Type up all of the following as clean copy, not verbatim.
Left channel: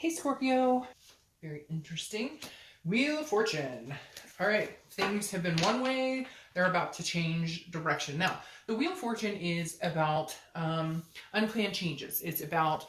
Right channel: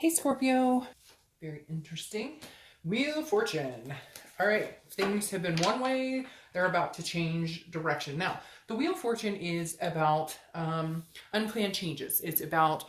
Hey Scorpio, very interesting. Wheel of Fortune. All right, things have been one way, they're about to change direction. Now, the Wheel of Fortune is about unplanned changes. It's about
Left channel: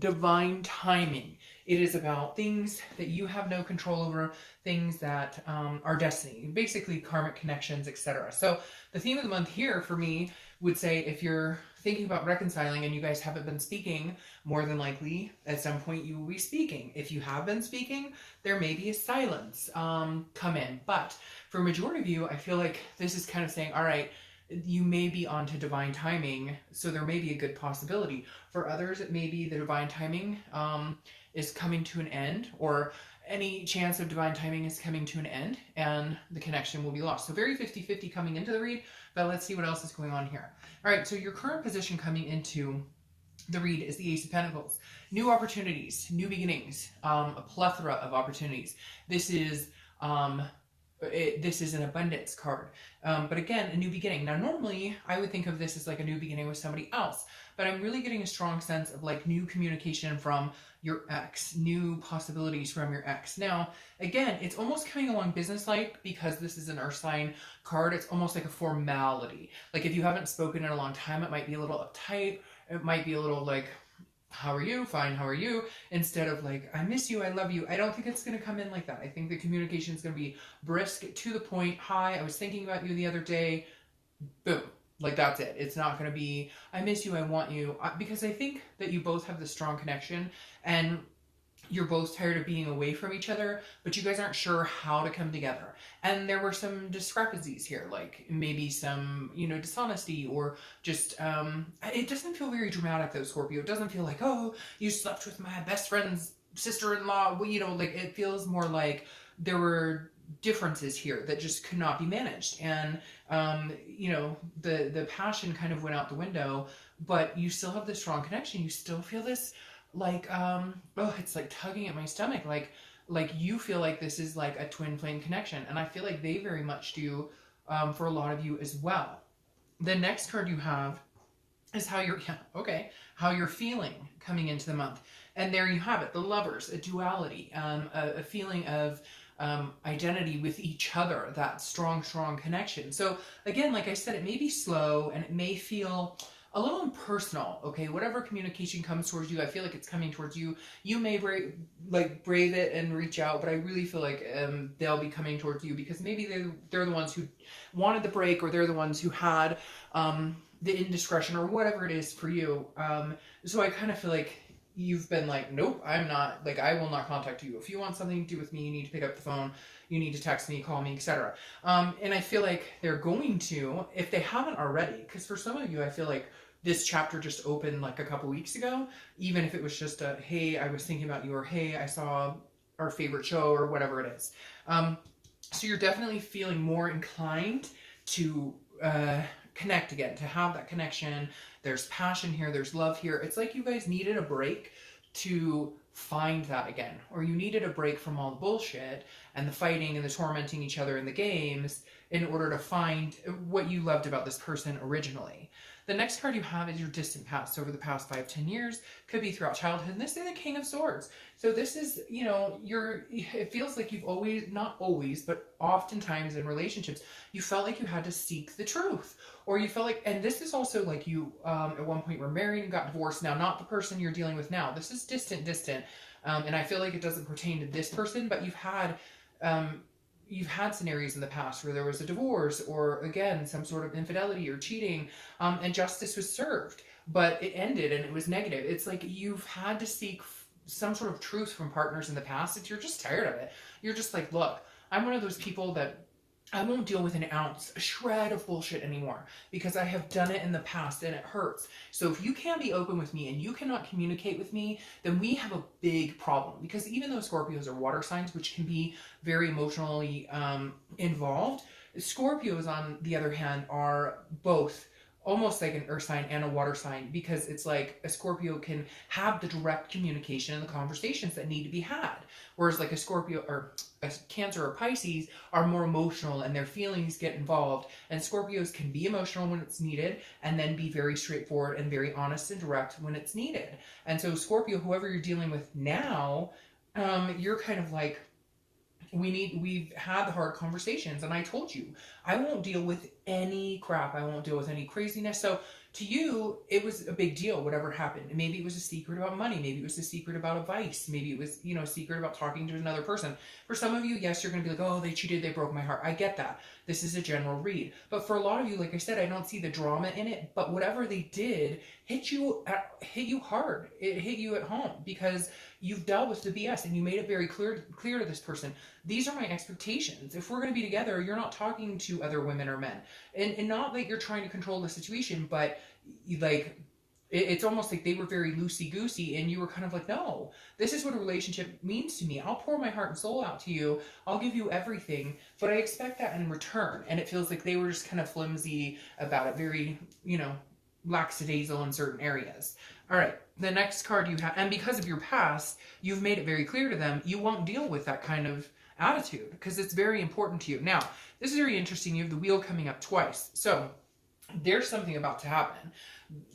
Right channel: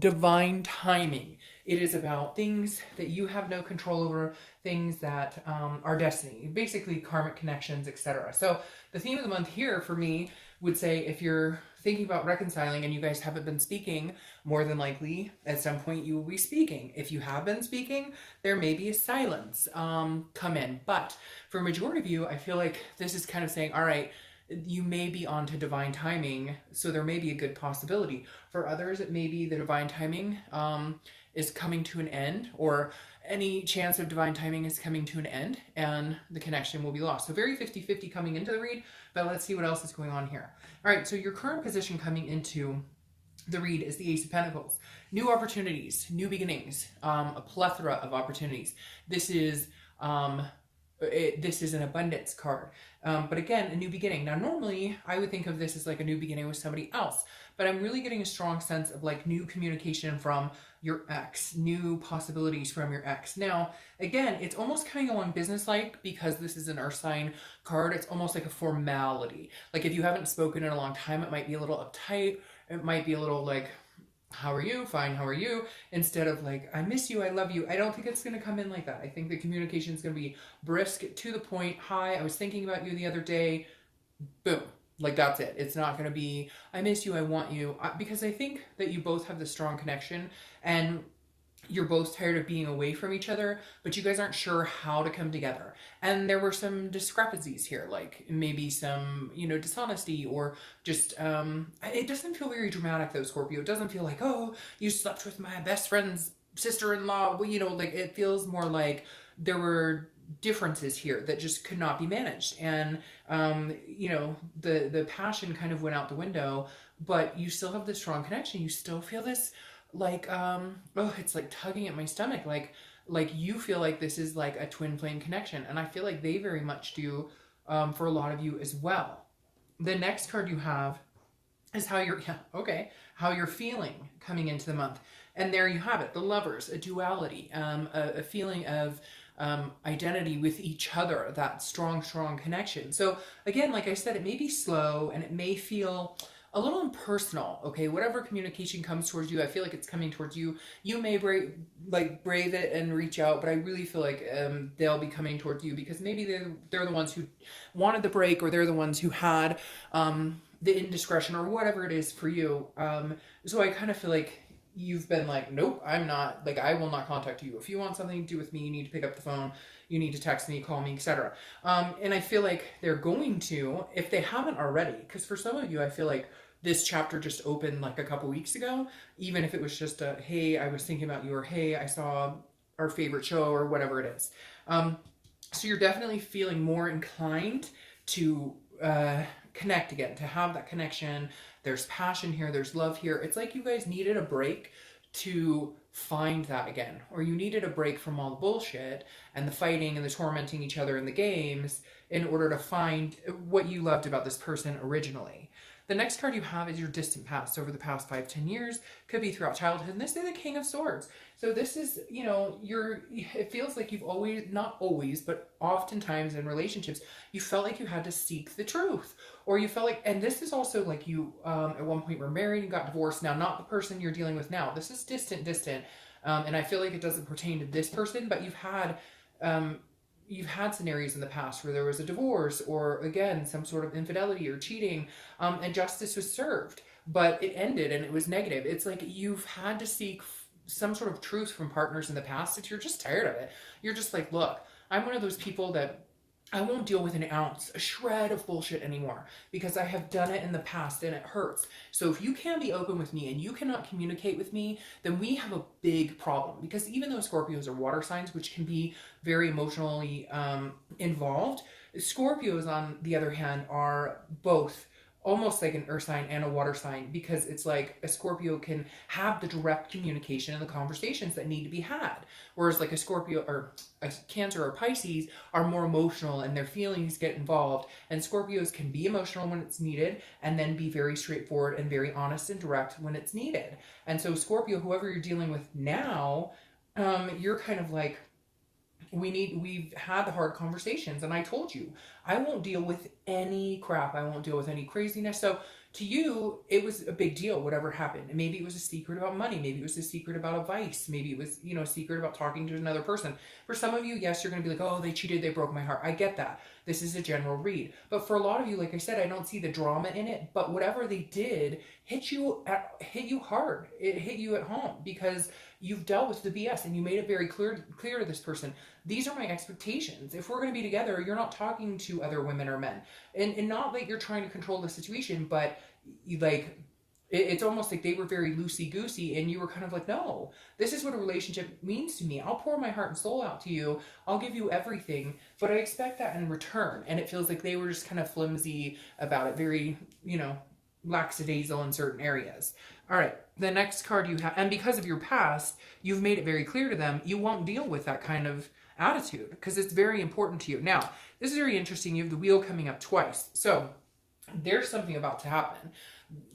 divine timing. It is about things that you have no control over, things that are destiny, basically karmic connections, etc. So the theme of the month here for me would say if you're thinking about reconciling and you guys haven't been speaking, more than likely at some point you will be speaking. If you have been speaking, there may be a silence come in. But for a majority of you, I feel like this is kind of saying, all right, you may be onto divine timing, so there may be a good possibility. For others, it may be the divine timing is coming to an end, or any chance of divine timing is coming to an end, and the connection will be lost. So very 50-50 coming into the read, but let's see what else is going on here. All right, so your current position coming into the read is the Ace of Pentacles. New opportunities, new beginnings, a plethora of opportunities. This is an abundance card, but again, a new beginning. Now, normally I would think of this as like a new beginning with somebody else, but I'm really getting a strong sense of like new communication from your ex, new possibilities from your ex. Now, again, it's almost coming along business-like because this is an earth sign card. It's almost like a formality. Like if you haven't spoken in a long time, it might be a little uptight. It might be a little like, how are you? Fine, how are you? Instead of like, I miss you, I love you. I don't think it's going to come in like that. I think the communication is going to be brisk, to the point. Hi, I was thinking about you the other day. Boom. Like that's it. It's not going to be, I miss you, I want you. Because I think that you both have the strong connection and you're both tired of being away from each other, but you guys aren't sure how to come together. And there were some discrepancies here, like maybe some, dishonesty, or just, it doesn't feel very dramatic though, Scorpio. It doesn't feel like, oh, you slept with my best friend's sister-in-law. Like it feels more like there were differences here that just could not be managed. And, the passion kind of went out the window, but you still have this strong connection. You still feel this like it's like tugging at my stomach, like you feel like this is like a twin flame connection, and I feel like they very much do for a lot of you as well. The next card you have is how you're feeling coming into the month, and there you have it, the Lovers, a duality, a feeling of identity with each other, that strong connection. So again, like I said, it may be slow and it may feel a little impersonal, okay? Whatever communication comes towards you, I feel like it's coming towards you. You may brave it and reach out, but I really feel like they'll be coming towards you because maybe they're the ones who wanted the break, or they're the ones who had the indiscretion, or whatever it is for you. So I kind of feel like you've been like, nope, I'm not, like, I will not contact you. If you want something to do with me, you need to pick up the phone, you need to text me, call me, etc. And I feel like they're going to, if they haven't already, because for some of you, I feel like this chapter just opened like a couple weeks ago, even if it was just a, hey, I was thinking about you, or hey, I saw our favorite show, or whatever it is. So you're definitely feeling more inclined to connect again, to have that connection. There's passion here, there's love here. It's like you guys needed a break to find that again, or you needed a break from all the bullshit and the fighting and the tormenting each other in the games in order to find what you loved about this person originally. The next card you have is your distant past, over the past 5-10 years, could be throughout childhood, and this is the King of Swords. So this is, it feels like you've always, not always, but oftentimes in relationships, you felt like you had to seek the truth, or you felt like, and this is also like you at one point were married and got divorced. Now, not the person you're dealing with now. This is distant, and I feel like it doesn't pertain to this person, but you've had scenarios in the past where there was a divorce, or again, some sort of infidelity or cheating, and justice was served, but it ended and it was negative. It's like you've had to seek some sort of truth from partners in the past that you're just tired of it. You're just like, look, I'm one of those people that I won't deal with an ounce, a shred of bullshit anymore, because I have done it in the past and it hurts. So if you can't be open with me and you cannot communicate with me, then we have a big problem. Because even though Scorpios are water signs, which can be very emotionally involved, Scorpios, on the other hand, are both almost like an earth sign and a water sign, because it's like a Scorpio can have the direct communication and the conversations that need to be had. Whereas like a Scorpio or a Cancer or Pisces are more emotional and their feelings get involved. And Scorpios can be emotional when it's needed and then be very straightforward and very honest and direct when it's needed. And so Scorpio, whoever you're dealing with now, you're kind of like, we've had the hard conversations, and I told you, I won't deal with any crap. I won't deal with any craziness. So to you, it was a big deal, whatever happened. Maybe it was a secret about money. Maybe it was a secret about a vice. Maybe it was, a secret about talking to another person. For some of you, yes, you're going to be like, oh, they cheated, they broke my heart. I get that. This is a general read. But for a lot of you, like I said, I don't see the drama in it, but whatever they did hit you hard. It hit you at home because you've dealt with the BS and you made it very clear to this person. These are my expectations. If we're going to be together, you're not talking to other women or men. And not like you're trying to control the situation, but it's almost like they were very loosey-goosey and you were kind of like, no, this is what a relationship means to me. I'll pour my heart and soul out to you. I'll give you everything, but I expect that in return. And it feels like they were just kind of flimsy about it, very, lackadaisical in certain areas. All right, the next card you have, and because of your past, you've made it very clear to them, you won't deal with that kind of attitude because it's very important to you. Now, this is very interesting. You have the wheel coming up twice. So there's something about to happen,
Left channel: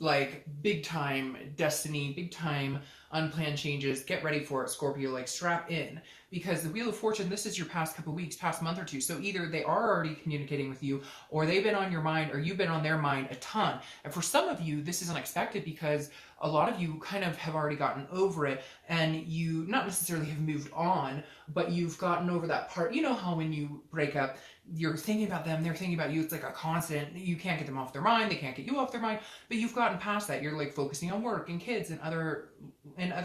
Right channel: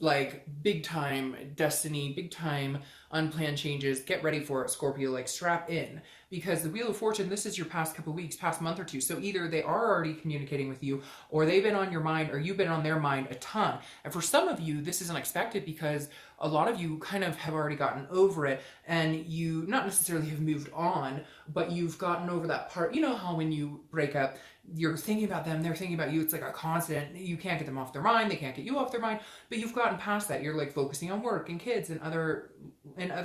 like big time destiny, big time unplanned changes. Get ready for it, Scorpio, like strap in, because the Wheel of Fortune, this is your past couple weeks, past month or two. So either they are already communicating with you, or they've been on your mind, or you've been on their mind a ton. And for some of you, this is unexpected because a lot of you kind of have already gotten over it, and you not necessarily have moved on, but you've gotten over that part. You know how when you break up, you're thinking about them, they're thinking about you. It's like a constant, you can't get them off their mind, they can't get you off their mind, but you've gotten past that. You're like focusing on work and kids and other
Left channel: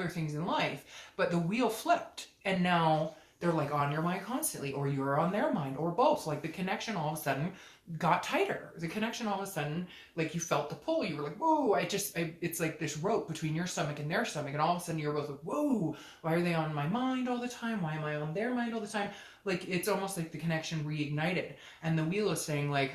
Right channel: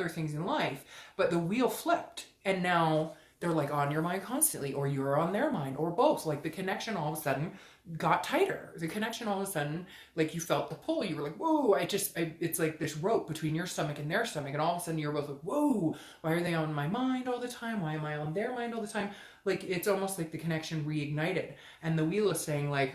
things in life. But the wheel flipped, and now they're like on your mind constantly, or you're on their mind, or both. Like the connection all of a sudden got tighter. The connection all of a sudden, like you felt the pull. You were like, whoa, it's like this rope between your stomach and their stomach, and all of a sudden you're both like, whoa, why are they on my mind all the time? Why am I on their mind all the time? Like it's almost like the connection reignited. And the wheel is saying like,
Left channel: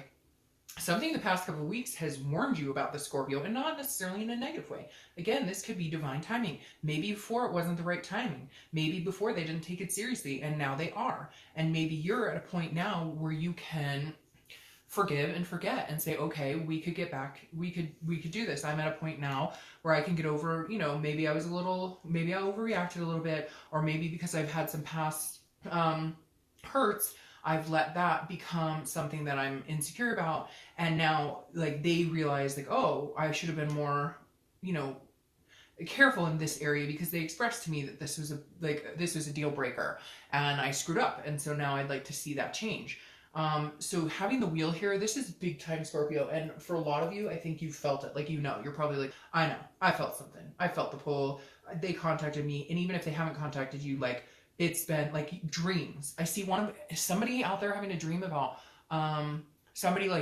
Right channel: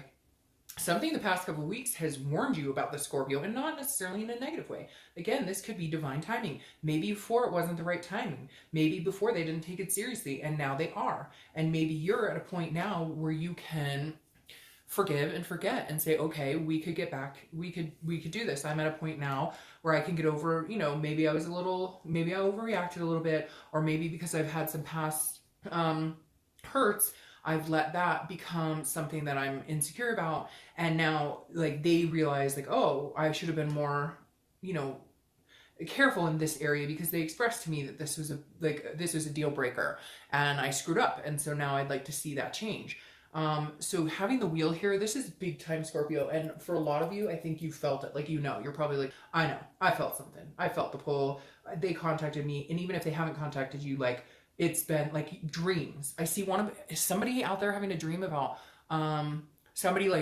something the past couple of weeks has warned you about the Scorpio, and not necessarily in a negative way. Again, this could be divine timing. Maybe before it wasn't the right timing. Maybe before they didn't take it seriously, and now they are. And maybe you're at a point now where you can forgive and forget and say, okay, we could get back, we could do this. I'm at a point now where I can get over, maybe I overreacted a little bit, or maybe because I've had some past hurts, I've let that become something that I'm insecure about. And now like they realize like, oh, I should have been more, careful in this area, because they expressed to me that this was a deal breaker and I screwed up. And so now I'd like to see that change. So having the wheel here, this is big time Scorpio. And for a lot of you, I think you felt it. Like, you're probably like, I know, I felt something. I felt the pull. They contacted me. And even if they haven't contacted you, like, it's been like dreams. I see somebody out there having a dream about, somebody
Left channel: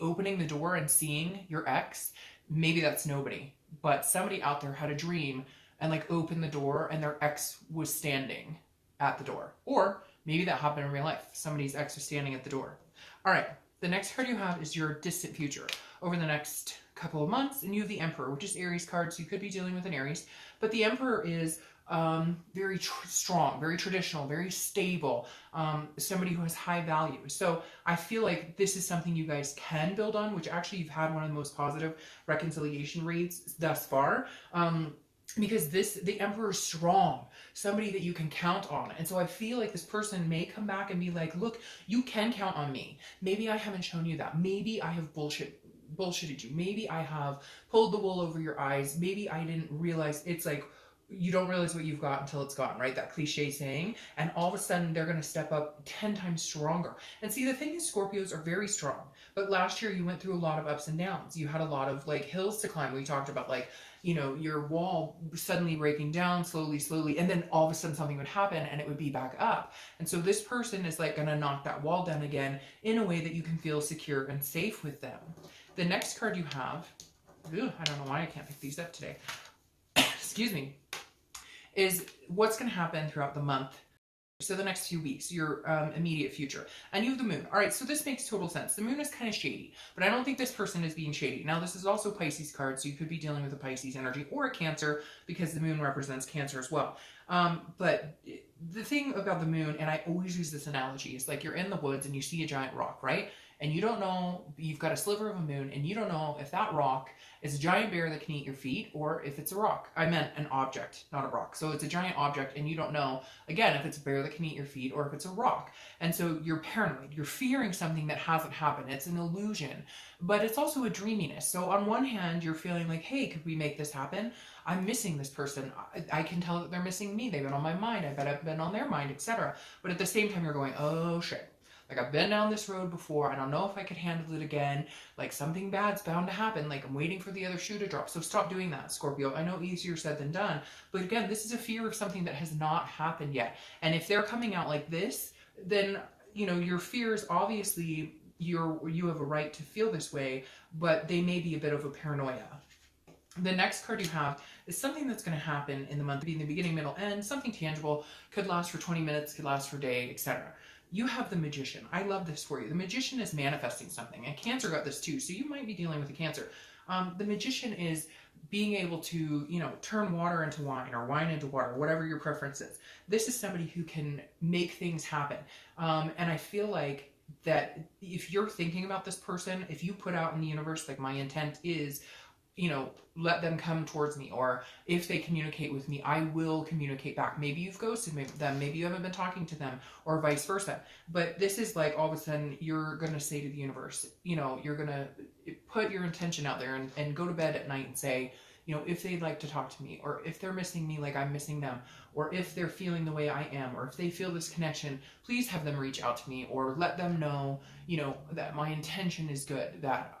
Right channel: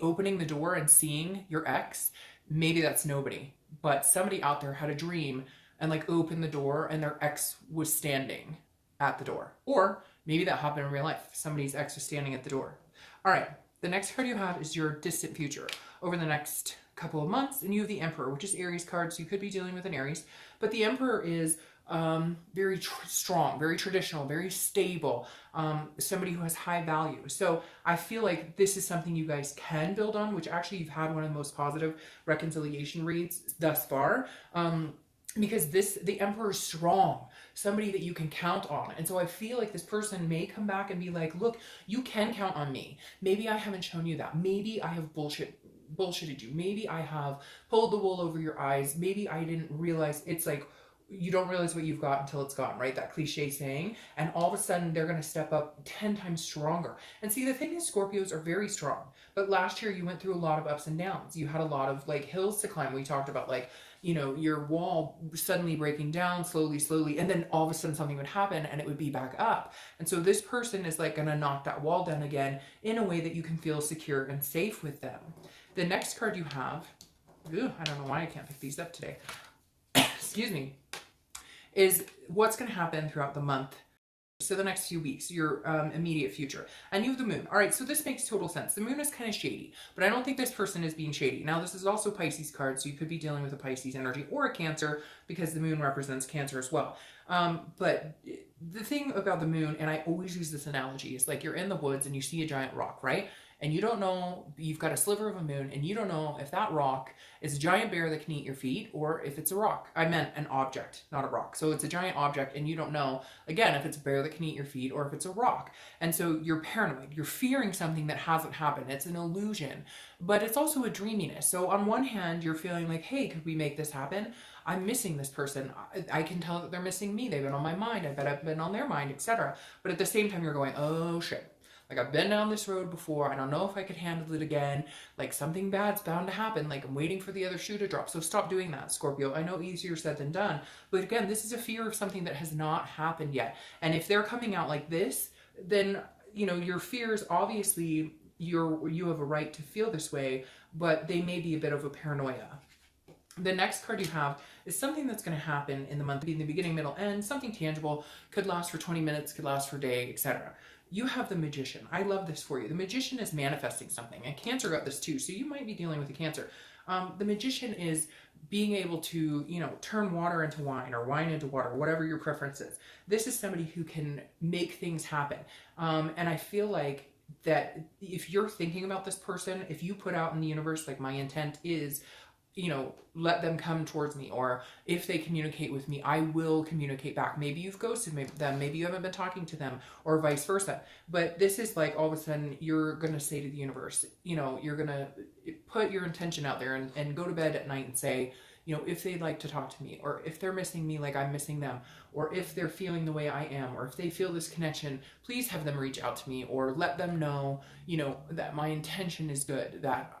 opening the door and seeing your ex. Maybe that's nobody, but somebody out there had a dream and like opened the door and their ex was standing at the door. Or maybe that happened in real life. Somebody's ex was standing at the door. All right, the next card you have is your distant future over the next couple of months, and you have the Emperor, which is Aries card, so you could be dealing with an Aries. But the Emperor is very strong, very traditional, very stable, somebody who has high value. So I feel like this is something you guys can build on, which actually you've had one of the most positive reconciliation reads thus far. Because the Emperor is strong, somebody that you can count on. And so I feel like this person may come back and be like, look, you can count on me. Maybe I haven't shown you that. Maybe I have bullshitted you. Maybe I have pulled the wool over your eyes. Maybe I didn't realize. It's like, you don't realize what you've got until it's gone, right? That cliche saying. And all of a sudden they're going to step up 10 times stronger. And see, the thing is, Scorpios are very strong. But last year you went through a lot of ups and downs. You had a lot of like hills to climb. We talked about like, your wall suddenly breaking down slowly, and then all of a sudden something would happen and it would be back up. And so this person is like going to knock that wall down again in a way that you can feel secure and safe with them. The next card you have, I don't know why I can't pick these up today, excuse me, is what's going to happen throughout the month So the next few weeks, your immediate future. And you have the moon. All right, so this makes total sense. The moon is kind of shady, but I don't think this person is being shady. Now, this is also Pisces card, so you could be dealing with a Pisces energy or a Cancer because the moon represents Cancer as well. But the thing about the moon, and I always use this analogy, is like you're in the woods and you see a giant rock, right? And you don't know, you've got a sliver of a moon, and you don't know if that rock is a giant bear that can eat your feet, or if it's a rock. I meant an object, not a rock. So it's a giant object, and you don't know, again, if it's a bear that can eat your feet, or if it's a rock. And so you're paranoid. You're fearing something that hasn't happened. It's an illusion. But it's also a dreaminess. So on one hand, you're feeling like, hey, could we make this happen? I'm missing this person. I can tell that they're missing me. They've been on my mind. I bet I've been on their mind, etc. But at the same time, you're going, oh, shit. Like, I've been down this road before. I don't know if I could handle it again. Like, something bad's bound to happen. Like, I'm waiting for the other shoe to drop. So stop doing that, Scorpio. I know easier said than done. But again, this is a fear of something that has not happened yet. And if they're coming out like this, then, you know, your fears, obviously, you have a right to feel this way, but they may be a bit of a paranoia. The next card you have is something that's going to happen in the month, being the beginning, middle, end, something tangible, could last for 20 minutes, could last for a day, etc. You have the Magician. I love this for you. The Magician is manifesting something. And Cancer got this too, so you might be dealing with a Cancer. The Magician is being able to, you know, turn water into wine or wine into water, whatever your preference is. This is somebody who can make things happen. And I feel like that if you're thinking about this person, if you put out in the universe, like, my intent is, you know, let them come towards me, or if they communicate with me, I will communicate back. Maybe you've ghosted them, maybe you haven't been talking to them, or vice versa. But this is like, all of a sudden, you're going to say to the universe, you know, you're going to put your intention out there and go to bed at night and say, you know, if they'd like to talk to me, or if they're missing me like I'm missing them, or if they're feeling the way I am, or if they feel this connection, please have them reach out to me, or let them know, you know, that my intention is good, that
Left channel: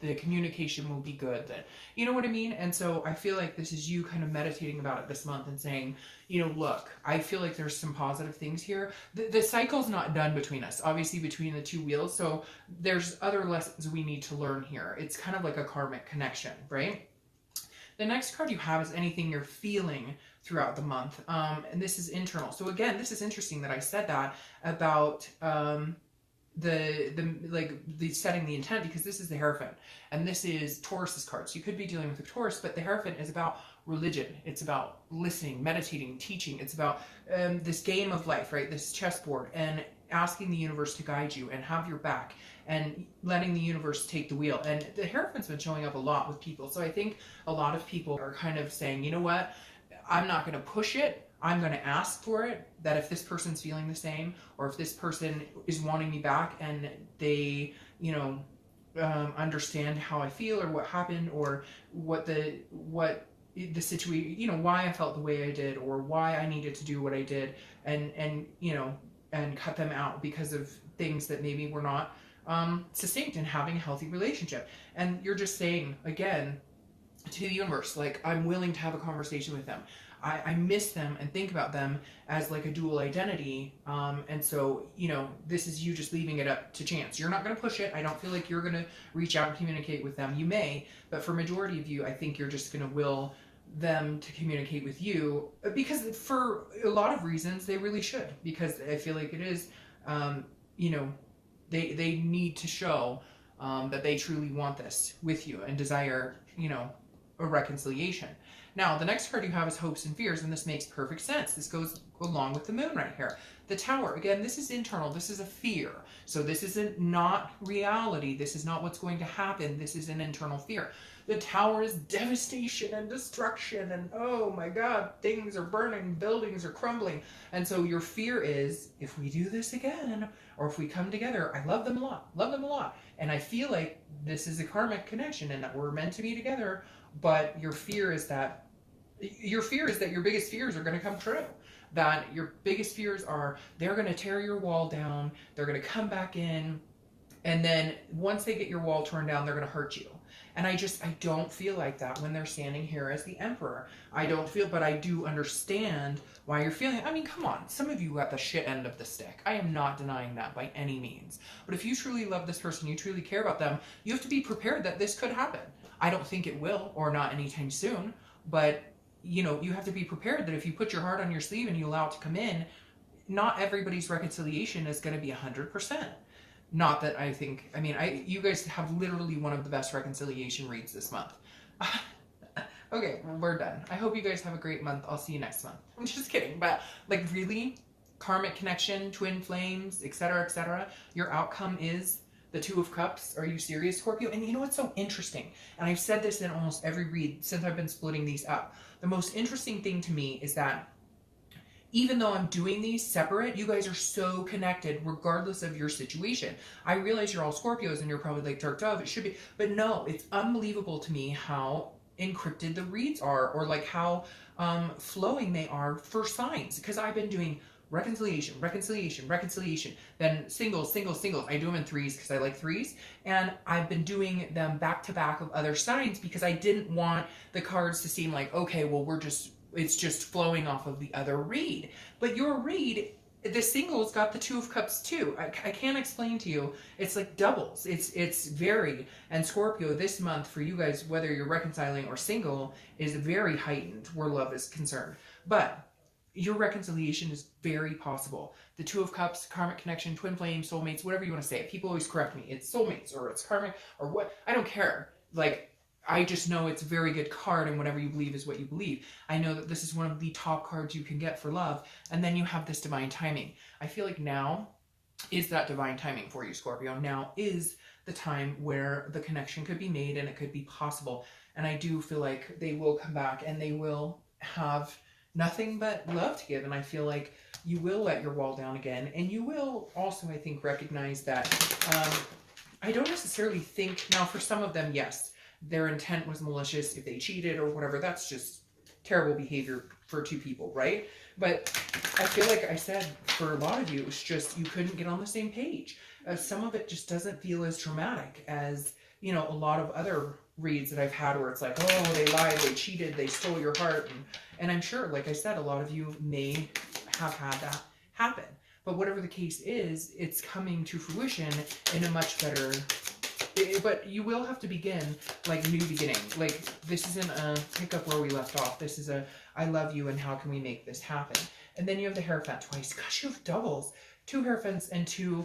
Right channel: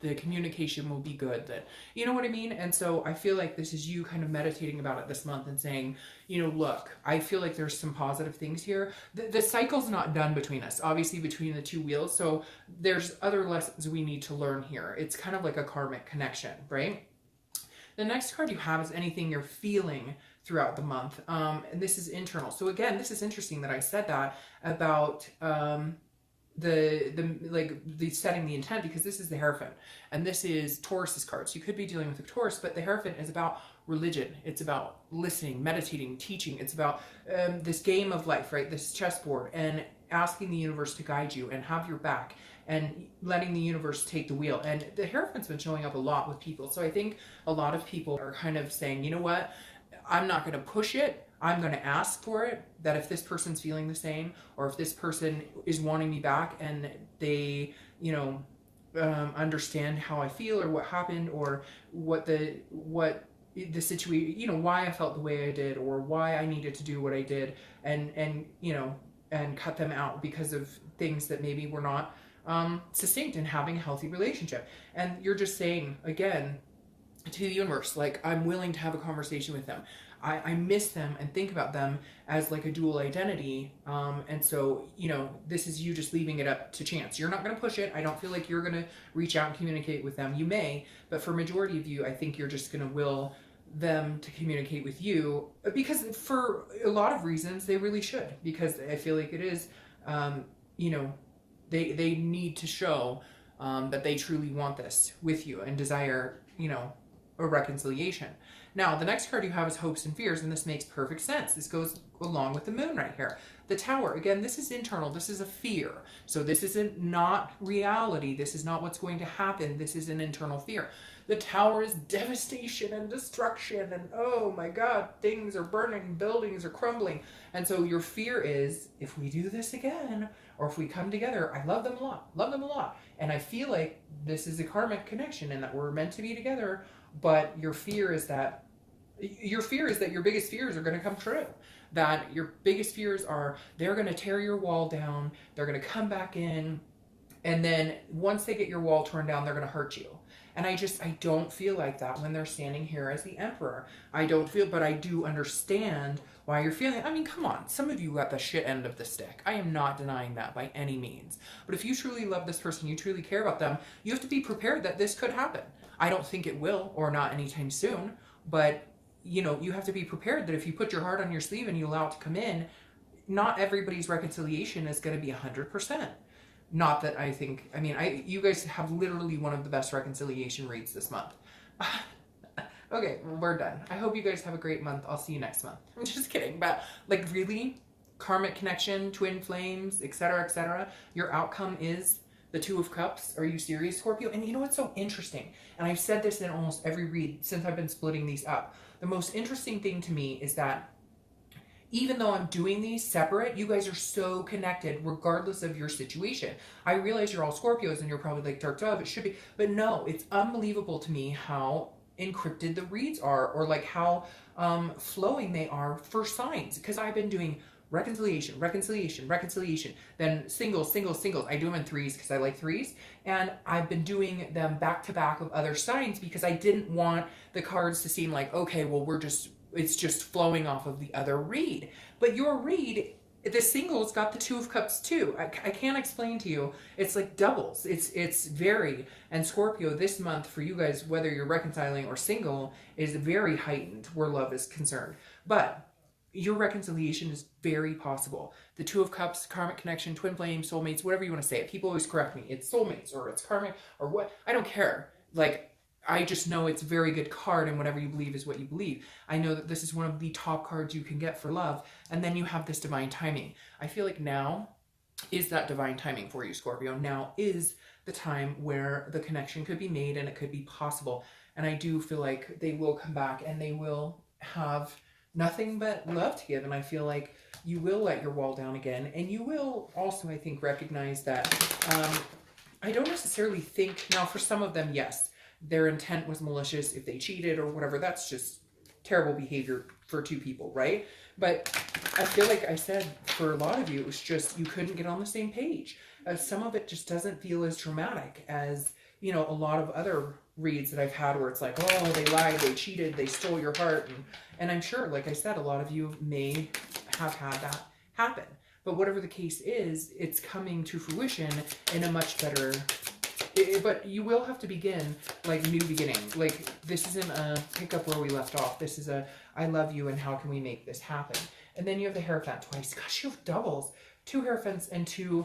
the communication will be good, that, you know what I mean? And so I feel like this is you kind of meditating about it this month and saying, you know, look, I feel like there's some positive things here. The cycle's not done between us, obviously, between the two wheels. So there's other lessons we need to learn here. It's kind of like a karmic connection, right? The next card you have is anything you're feeling throughout the month. And this is internal. So again, this is interesting that I said that about, the setting the intent, because this is the Hierophant, and this is Taurus's card. So you could be dealing with a Taurus, but the Hierophant is about religion. It's about listening, meditating, teaching. It's about this game of life, right? This chessboard, and asking the universe to guide you and have your back, and letting the universe take the wheel. And the Hierophant's been showing up a lot with people. So I think a lot of people are kind of saying, you know what, I'm not going to push it. I'm going to ask for it, that if this person's feeling the same, or if this person is wanting me back and they, you know, understand how I feel, or what happened, or what the situation, you know, why I felt the way I did, or why I needed to do what I did, and you know, and cut them out because of things that maybe were not succinct in having a healthy relationship. And you're just saying, again, to the universe, like, I'm willing to have a conversation with them. I miss them and think about them as like a dual identity. And so, you know, this is you just leaving it up to chance. You're not going to push it. I don't feel like you're going to reach out and communicate with them. You may, but for majority of you, I think you're just going to will them to communicate with you, because for a lot of reasons they really should, because I feel like it is, you know, they need to show that they truly want this with you and desire, you know, a reconciliation. Now, the next card you have is Hopes and Fears, and this makes perfect sense. This goes along with the moon right here. The Tower, again, this is internal. This is a fear. So this isn't not reality. This is not what's going to happen. This is an internal fear. The Tower is devastation and destruction, and oh my God, things are burning, buildings are crumbling. And so your fear is, if we do this again, or if we come together, I love them a lot. And I feel like this is a karmic connection and that we're meant to be together, but your fear is that your biggest fears are going to come true. That your biggest fears are they're going to tear your wall down, they're going to come back in, and then once they get your wall torn down, they're going to hurt you. And I don't feel like that when they're standing here as the Emperor. I don't feel, but I do understand why you're feeling. I mean, come on, some of you got the shit end of the stick. I am not denying that by any means. But if you truly love this person, you truly care about them, you have to be prepared that this could happen. I don't think it will, or not anytime soon, but you know, you have to be prepared that if you put your heart on your sleeve and you allow it to come in, not everybody's reconciliation is going to be 100%. Not that I think, I mean, you guys have literally one of the best reconciliation reads this month. Okay, well, we're done. I hope you guys have a great month. I'll see you next month. I'm just kidding, but like really, karmic connection, twin flames, etc., etc. Your outcome is the Two of Cups. Are you serious, Scorpio? And you know what's so interesting? And I've said this in almost every read since I've been splitting these up. The most interesting thing to me is that even though I'm doing these separate, you guys are so connected regardless of your situation. I realize you're all Scorpios and you're probably like, Dark Dove, it should be. But no, it's unbelievable to me how encrypted the reads are, or like how flowing they are for signs. Because I've been doing reconciliation, reconciliation, reconciliation, then singles, singles, singles. I do them in threes because I like threes. And I've been doing them back to back of other signs because I didn't want the cards to seem like, okay, well, it's just flowing off of the other read. But your read, the singles got the Two of Cups too. I can't explain to you. It's like doubles. It's very, and Scorpio this month for you guys, whether you're reconciling or single, is very heightened where love is concerned. But your reconciliation is very possible. The Two of Cups, karmic connection, twin flame, soulmates, whatever you want to say it. People always correct me. It's soulmates or it's karmic or what. I don't care. Like, I just know it's a very good card, and whatever you believe is what you believe. I know that this is one of the top cards you can get for love. And then you have this divine timing. I feel like now is that divine timing for you, Scorpio. Now is the time where the connection could be made and it could be possible. And I do feel like they will come back and they will have nothing but love to give. And I feel like you will let your wall down again. And you will also, I think, recognize that I don't necessarily think, now for some of them, yes, their intent was malicious if they cheated or whatever. That's just terrible behavior for two people, right? But I feel like I said, for a lot of you, it was just you couldn't get on the same page. Some of it just doesn't feel as dramatic as, you know, a lot of other reads that I've had where it's like, oh, they lied, they cheated, they stole your heart. And I'm sure, like I said, a lot of you may have had that happen. But whatever the case is, it's coming to fruition in a much better... But you will have to begin like new beginning. Like this isn't a pick up where we left off. This is a I love you and how can we make this happen? And then you have the Hierophant twice. Gosh, you have doubles. 2 Hierophants and 2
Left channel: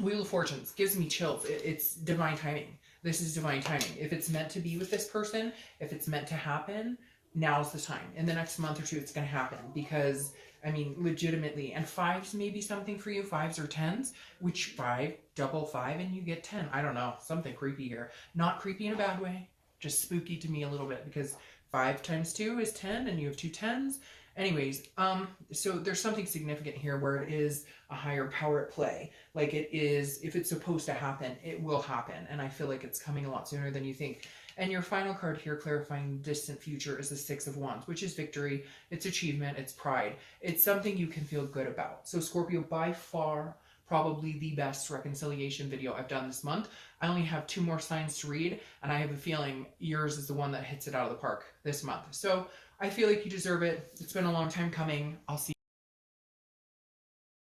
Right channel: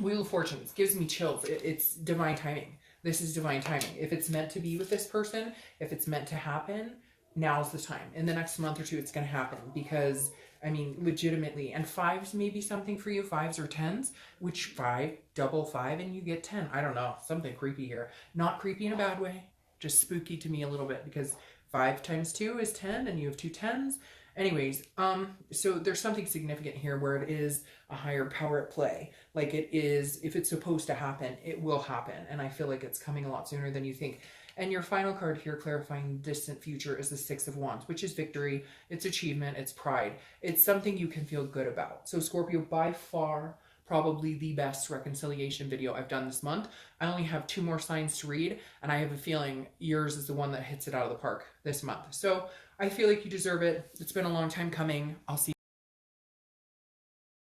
Wheel of Fortunes. Gives me chills. It's divine timing. This is divine timing. If it's meant to be with this person, if it's meant to happen, now's the time. In the next month or two, it's going to happen because, I mean, legitimately. And 5s may be something for you, 5s or 10s, which 5, double 5, and you get 10. I don't know, something creepy here. Not creepy in a bad way, just spooky to me a little bit because 5 times 2 is 10 and you have 2 10s. Anyways, so there's something significant here where it is a higher power at play. Like it is, if it's supposed to happen, it will happen. And I feel like it's coming a lot sooner than you think. And your final card here, clarifying distant future, is the 6 of Wands, which is victory, it's achievement, it's pride. It's something you can feel good about. So Scorpio, by far, probably the best reconciliation video I've done this month. I only have 2 more signs to read, and I have a feeling yours is the one that hits it out of the park this month. So I feel like you deserve it. It's been a long time coming. I'll see you.